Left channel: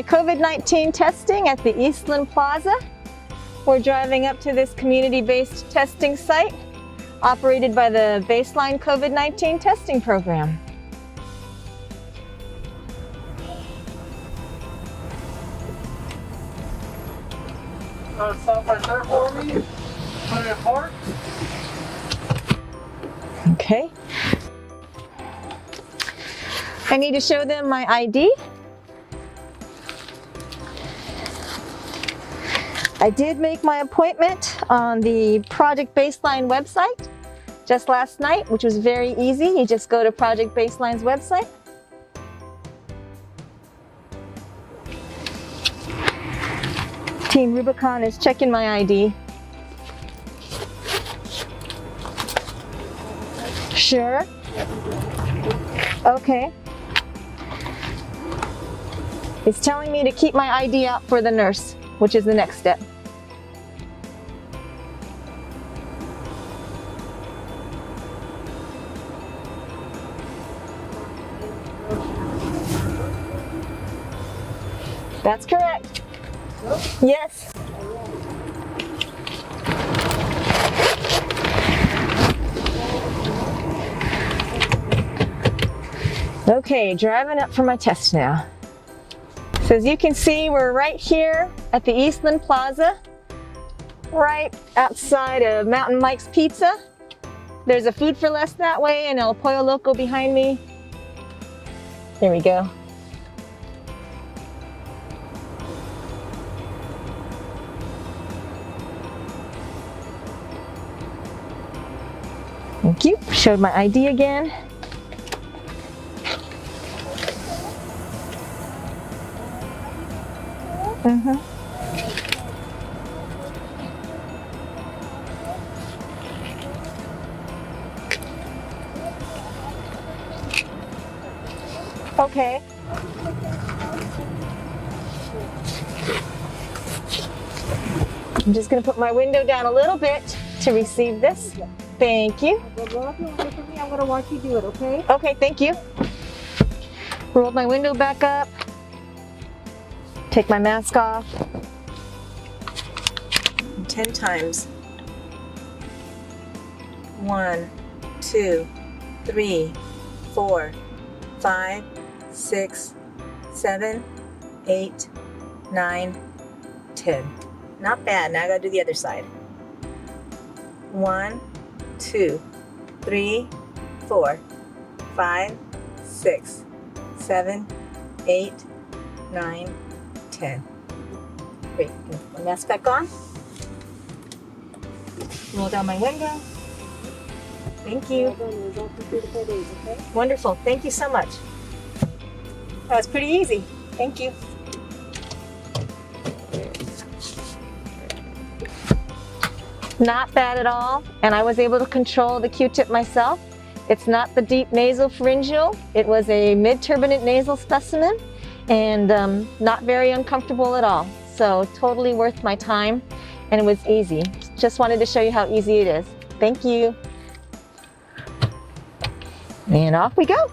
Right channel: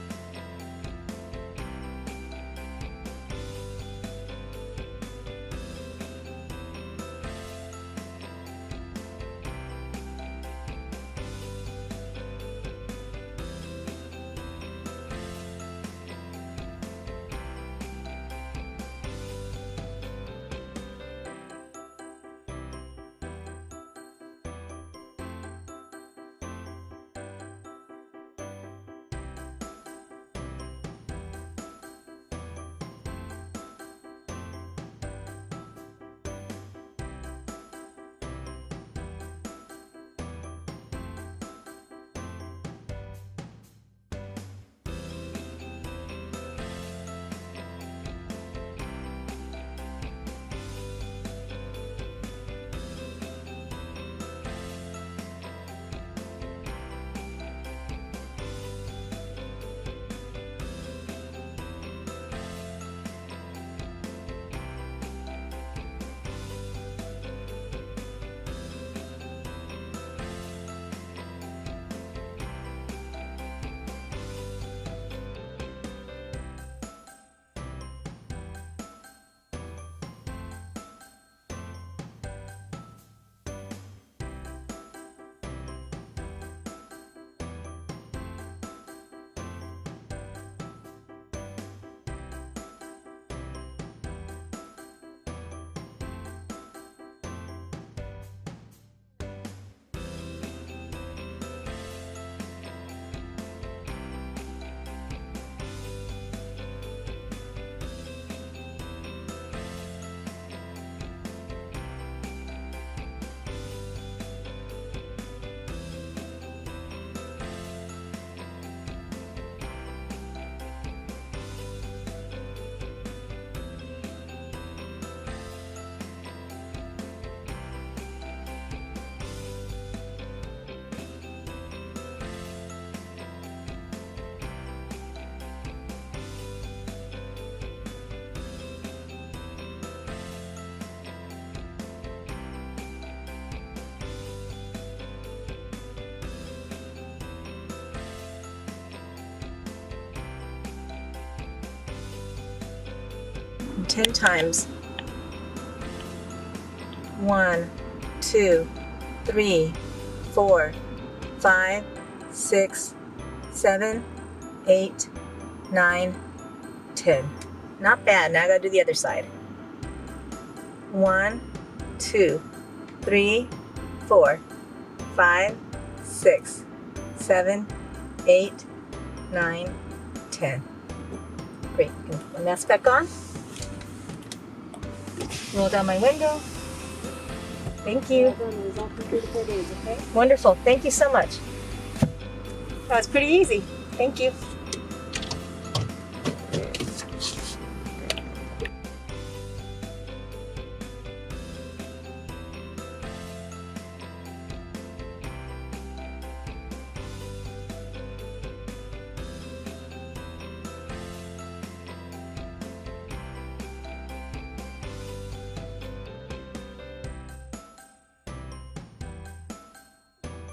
my COVID-19 testing at the Eastland Plaza. We're driving up to this community-based testing site operated by the Baseline COVID-19 testing program. Stop right there for me. Put it in park. Okay. I need to show them my ID. I did make my appointment on the Project Baseline website just last night, which was very easy. You just go to Project Baseline's website. Team Rubicon is checking my ID. Sure. Okay. It's telling me to keep my ID out for the nurse, which is the next step. That's correct. Yes. Okay, driving up for my test now. So as you can see, we're right here at the Eastland Plaza, right outside of Mountain Mike's Pizza. There's a Food for Less that way and El Pollo Loco behind me. There we go. Thank you. Showed my ID again. Okay. I'm just going to put my window down a little bit to receive this. Thank you. I'm going to watch you do it, okay? Okay, thank you. Rolled my window back up. Take my mask off. 10 times. 1, 2, 3, 4, 5, 6, 7, 8, 9, 10. Not bad. Now I gotta do the other side. 1, 2, 3, 4, 5, 6, 7, 8, 9, 10. Great. Put my mask back on. Roll down my window. Thank you. Wonderful. Thank you so much. That was pretty easy. Thank you. Not bad at all. And I was able to control the Q-tip myself. It's not the deep nasal pharyngeal. It was a mid-turbinate nasal specimen and not very uncomfortable at all. So totally worth my time, and it was easy. Just wanted to show you how easy it is. Thank you. And off we go.